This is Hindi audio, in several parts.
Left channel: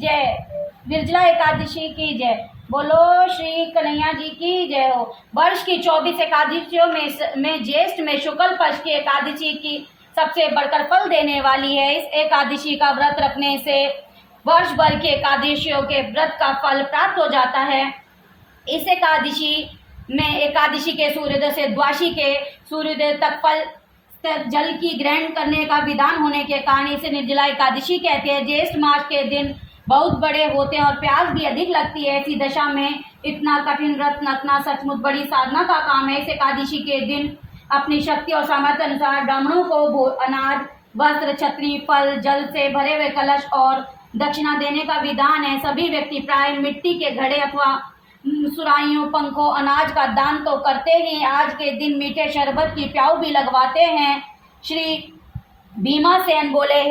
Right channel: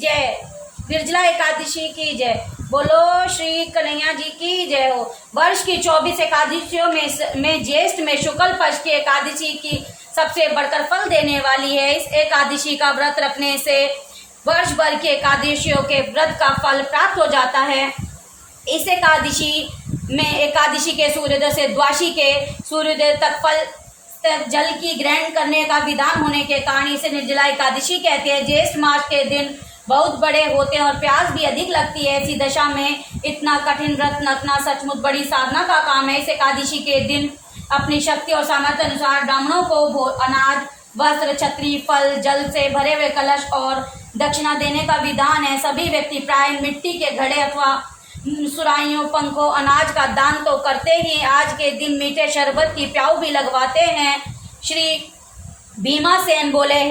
जय। निर्जला एकादशी की जय। बोलो श्री कन्हैया जी की जय हो। वर्ष की 24 एकादशियों में ज्येष्ठ में शुक्ल पक्ष की एकादशी की सबसे बढ़कर फल देने वाली है। इस एकादशी का व्रत रखने से वर्ष भर के एकादशियों के व्रत का फल प्राप्त हो जाता है। इस एकादशी के सूर्योदय से द्वादशी के सूर्योदय तक फल जल की ग्रहण करने का विधान होने के कारण इसे निर्जला एकादशी कहते हैं। ज्येष्ठ मास के दिन बहुत बड़े होते हैं और प्यास भी अधिक लगती है। ऐसी दशा में इतना कठिन व्रत रखना सचमुच बड़ी साधना का काम है। इस एकादशी के दिन अपनी शक्ति और सामर्थ्य अनुसार ब्राह्मणों को अनाज, वस्त्र, छतरी, फल, जल से भरे हुए कलश और दक्षिणा देने का विधान है। सभी व्यक्ति प्राय मिट्टी के घड़े अथवा सुराइयों, पंखों, अनाज का दान तो करते ही आज के दिन मीठे शरबत की प्याऊ भी लगवाते हैं। श्री भीमासेन बोले,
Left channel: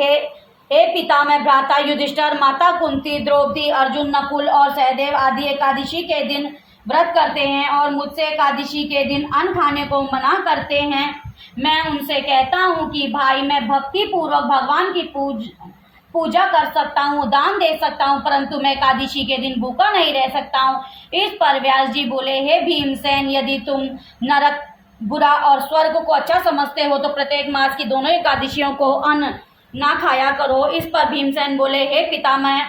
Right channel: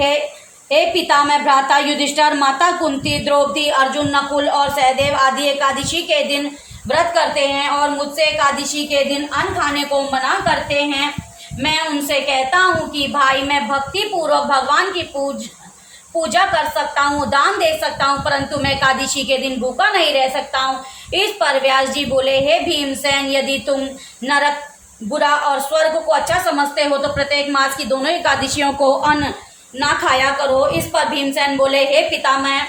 हे पितामह भ्राता युधिष्ठिर, माता कुंती, द्रौपदी, अर्जुन, नकुल और सहदेव आदि एकादशी के दिन व्रत करते हैं और मुझसे एकादशी के दिन अन्न खाने को मना करते हैं। मैं उनसे कहता हूँ कि भाई, मैं भक्ति पूर्वक भगवान की पूजा कर सकता हूँ, दान दे सकता हूँ, परंतु मैं एकादशी के दिन भूखा नहीं रह सकता हूँ। इस पर व्यास जी बोले, हे भीमसेन, यदि तुम नरक बुरा और स्वर्ग को अच्छा समझते हो तो प्रत्येक मास की दोनों एकादशियों को अन्न ना खाया करो। इस पर भीमसेन बोले, हे पितामह,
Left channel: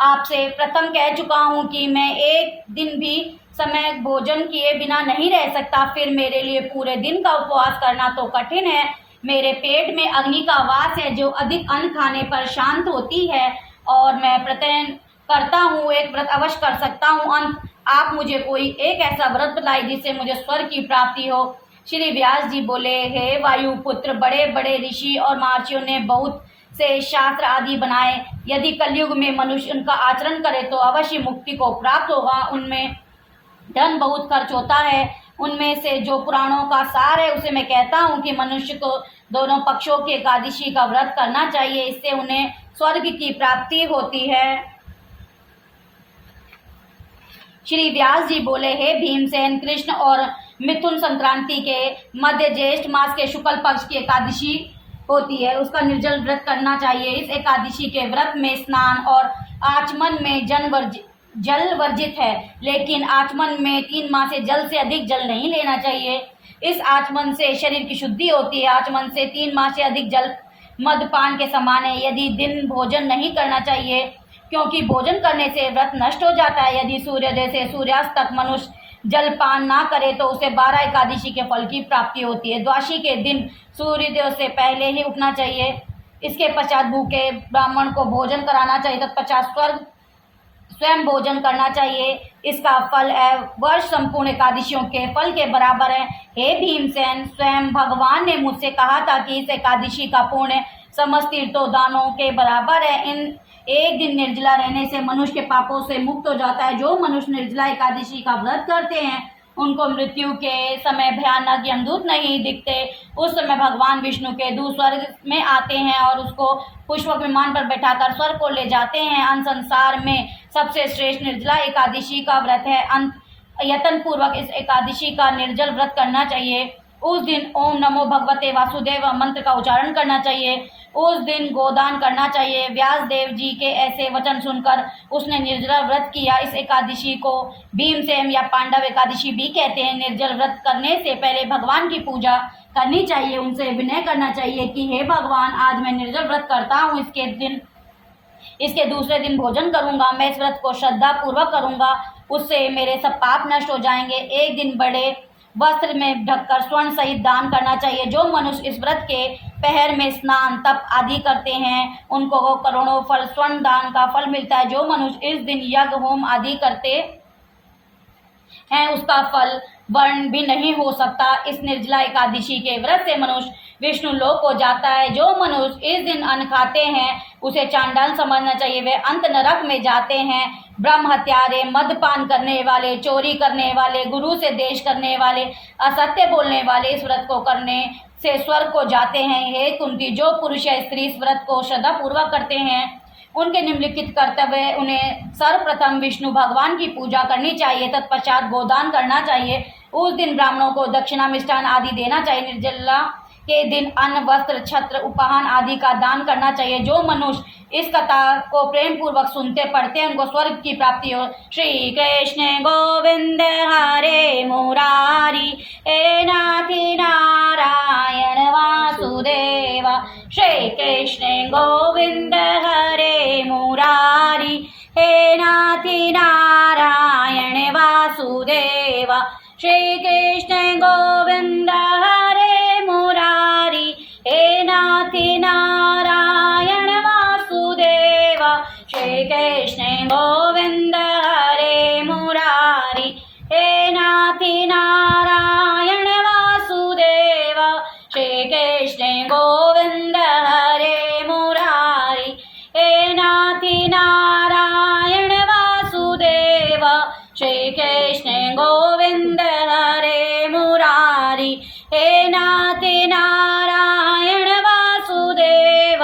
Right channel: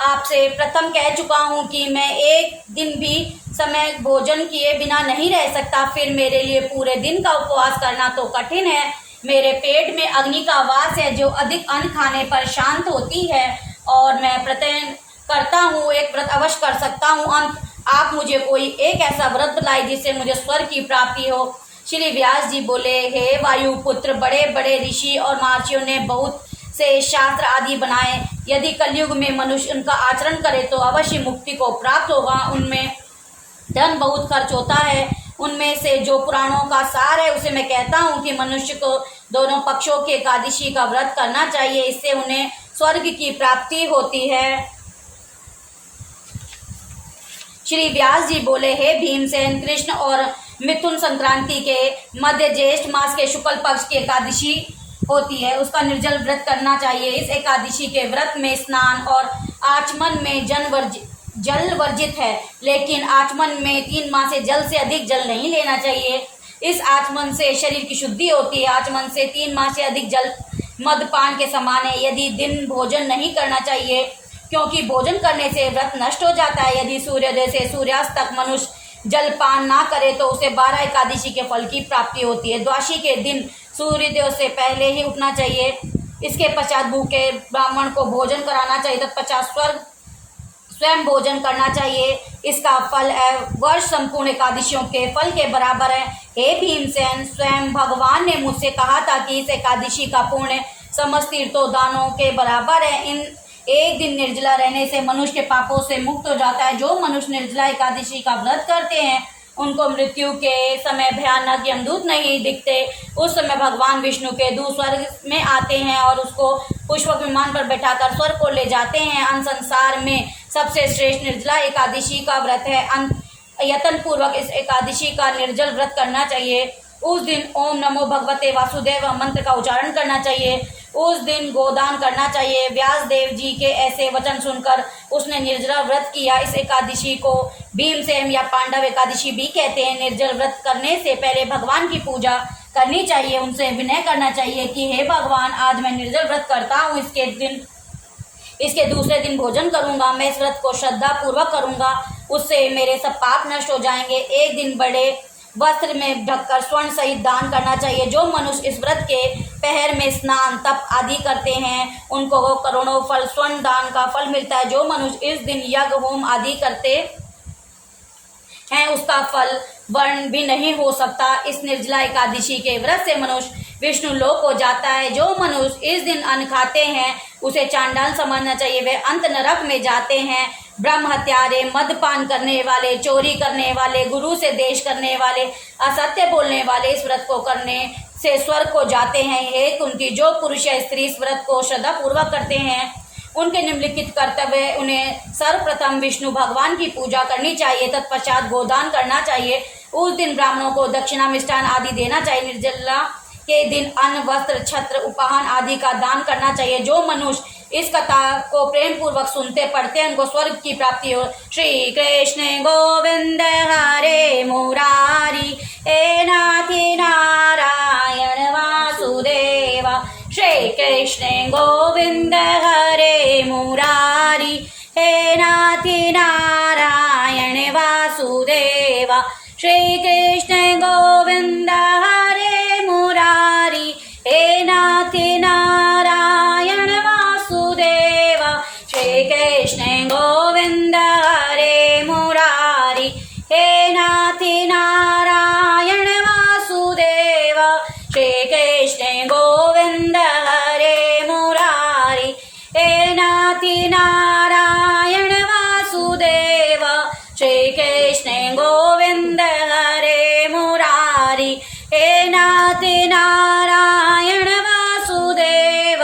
आपसे प्रथम कह चुका हूँ कि मैं एक दिन भी समय भोजन किए बिना नहीं रह सकता। फिर मेरे लिए पूरे दिन का उपवास करना तो कठिन है। मेरे पेट में अग्नि का वास है जो अधिक अन्न खाने पर शांत होती है और मैं प्रतिदिन करता हूँ एक व्रत अवश्य कर सकता हूँ। अंत आप मुझे कोई एक ऐसा व्रत बताइए जिससे मुझे स्वर्ग की प्राप्ति हो। श्री व्यास जी बोले, हे वायुपुत्र, बड़े बड़े ऋषि और महर्षियों ने बहुत से शास्त्र आदि बनाए। यदि कलयुग में मनुष्य उनका आचरण करे तो अवश्य मुक्ति को प्राप्त होगा। उनमें धन बहुत खर्च होता है। उनमें से जो पुराणों का सार है उसे मैं कहता हूँ कि मनुष्य को दोनों पक्षों के एकादशी का व्रत करना चाहिए। इससे उन्हें स्वर्ग की प्राप्ति होती है। श्री व्यास जी बोले, हे भीमसेन, कृष्ण और मिथुन संक्रांति के मध्य ज्येष्ठ मास के शुक्ल पक्ष की एकादशी होती है, उसका निर्जल व्रत करना चाहिए। इस एकादशी के व्रत में स्नान और आचमन में जल वर्जित है, लेकिन आचमन में 3 माह से जल से अधिक जल नहीं लेना चाहिए। इस आचमन से शरीर की शुद्धि होती है। आचमन से 3 माह से अधिक जल मदपान के समान है। यदि दिन भोजन नहीं करना चाहिए, क्योंकि भोजन करने से व्रत नष्ट हो जाता है। यदि सूर्योदय से सूर्यास्त तक मनुष्य जलपान ना करे तो उसे 12 एकादशी के फल की प्राप्ति होती है। द्वादशी के दिन सूर्योदय से पहले ही उठना चाहिए। इसके पश्चात भूखे ब्राह्मण को भोजन कराना चाहिए, तत्पश्चात स्वयं भोजन करना चाहिए। इसका फल वर्ष संपूर्ण एकादशियों के फल के बराबर है। हे भीमसेन, स्वयं भगवान ने मुझसे कहा था कि इस एकादशी का पुण्य समस्त तीर्थों दानों के बराबर है। इन एक दिन निर्जला रहने से मनुष्य के पापों से मुक्त हो जाता है। जो मनुष्य निर्जला एकादशी का व्रत करते हैं उनको मृत्यु के समय भयानक यमदूत नहीं दिखते। उस समय भगवान विष्णु के दूत स्वर्ग में आते हैं और उसको पुष्पक विमान पर बैठाकर स्वर्ग को ले जाते हैं। अन्य संसार में सबसे श्रेष्ठ निर्जला एकादशी का व्रत है। यत्न पूर्वक इस एकादशी का निर्जल व्रत करना चाहिए। उस दिन ओम नमो भगवते वासुदेव मंत्र का उच्चारण करना चाहिए। उस दिन गोदान करना चाहिए। व्यास देव जी के ऐसे वचन सुनकर उसने निर्जल व्रत किया। इस एकादशी को भीमसेन या पांडव एकादशी भी कहते हैं। निर्जल व्रत करने से पहले भगवान की पूजा करनी चाहिए। उनसे विनय करना चाहिए कि हे भगवान, आज मैं निर्जल व्रत करता हूँ, इसके दूसरे दिन भोजन करूँगा। मैं इस व्रत को श्रद्धा पूर्वक करूँगा, उससे मेरे सब पाप नष्ट हो जाएंगे। एक दिन बड़े वस्त्र में ढककर स्वर्ण सहित दान करना चाहिए। जो मनुष्य इस व्रत के पहर में स्नान, तप आदि करते हैं उनको करोड़ों फल स्वर्ण दान का फल मिलता है। जो मनुष्य इस दिन यज्ञ होम आदि करते हैं उसका फल वर्ण भी नहीं हो सकता। इस निर्जला एकादशी के व्रत से मनुष्य विष्णु लोक को जाता है। जो मनुष्य इस दिन अन्न खाते हैं उसे चांडाल समझना चाहिए। वे अंत नरक में जाते हैं। ब्रह्म हत्यारे, मदपान करने वाले, चोरी करने वाले, गुरु से द्वेष करने वाले, असत्य बोलने वाले इस व्रत को करने से स्वर्ग को जाते हैं। हे कुंती, जो पुरुष या स्त्री इस व्रत को श्रद्धा पूर्वक करते हैं उनके निम्नलिखित कर्तव्य उन्हें सर्वप्रथम विष्णु भगवान की पूजा करनी चाहिए, तत्पश्चात गोदान करना चाहिए। उस दिन ब्राह्मणों को दक्षिणा, मिष्ठान आदि देना चाहिए। निर्जला के दिन अन्न, वस्त्र, छत्र, उपहान आदि का दान करना चाहिए। जो मनुष्य इस कथा को प्रेम पूर्वक सुनते पढ़ते हैं उनको स्वर्ग की प्राप्ति हो। श्री कृष्ण गोविंद हरे मुरारी हे नाथी नारायण वासुदेव। श्री कृष्ण गोविंद हरे मुरारी हे नाथी नारायण वासुदेव। श्री कृष्ण गोविंद हरे मुरारी हे नाथी नारायण वासुदेव। श्री कृष्ण गोविंद हरे मुरारी हे नाथी नारायण वासुदेव। श्री कृष्ण गोविंद हरे मुरारी हे नाथी नारायण वासुदेव। श्री कृष्ण गोविंद हरे मुरारी हे नाथी नारायण वासुदेव।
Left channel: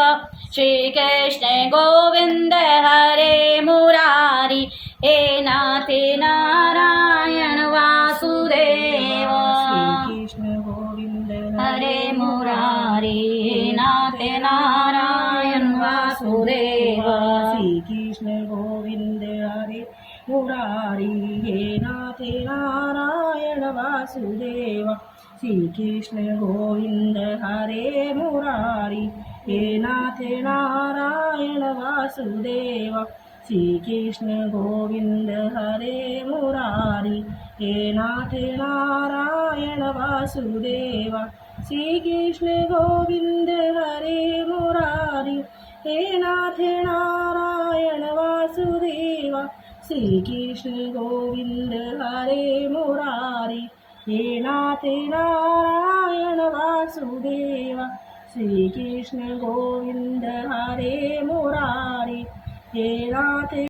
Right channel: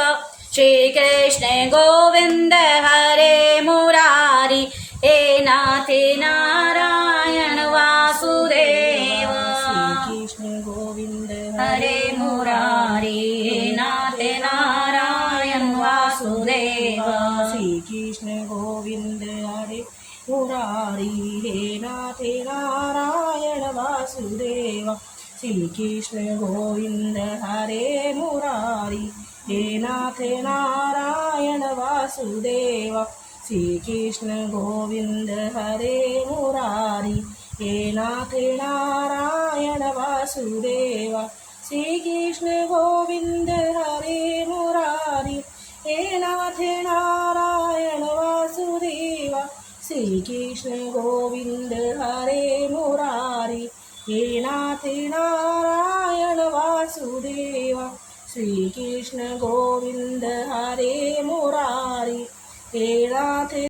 श्री कृष्ण गोविंद हरे मुरारी हे नाथी नारायण वासुदेव। श्री कृष्ण गोविंद हरे मुरारी हे नाथी नारायण वासुदेव। श्री कृष्ण गोविंद हरे मुरारी हे नाथे नारायण वासुदेव। श्री कृष्ण गोविंद हरे मुरारी हे नाथे नारायण वासुदेव। श्री कृष्ण गोविंद हरे मुरारी हे नाथे नारायण वासुदेव। श्री कृष्ण गोविंद हरे मुरारी हे नाथे नारायण वासुदेव। श्री कृष्ण गोविंद हरे मुरारी हे नाथे नारायण वासुदेव। श्री कृष्ण गोविंद हरे मुरारी हे नाथे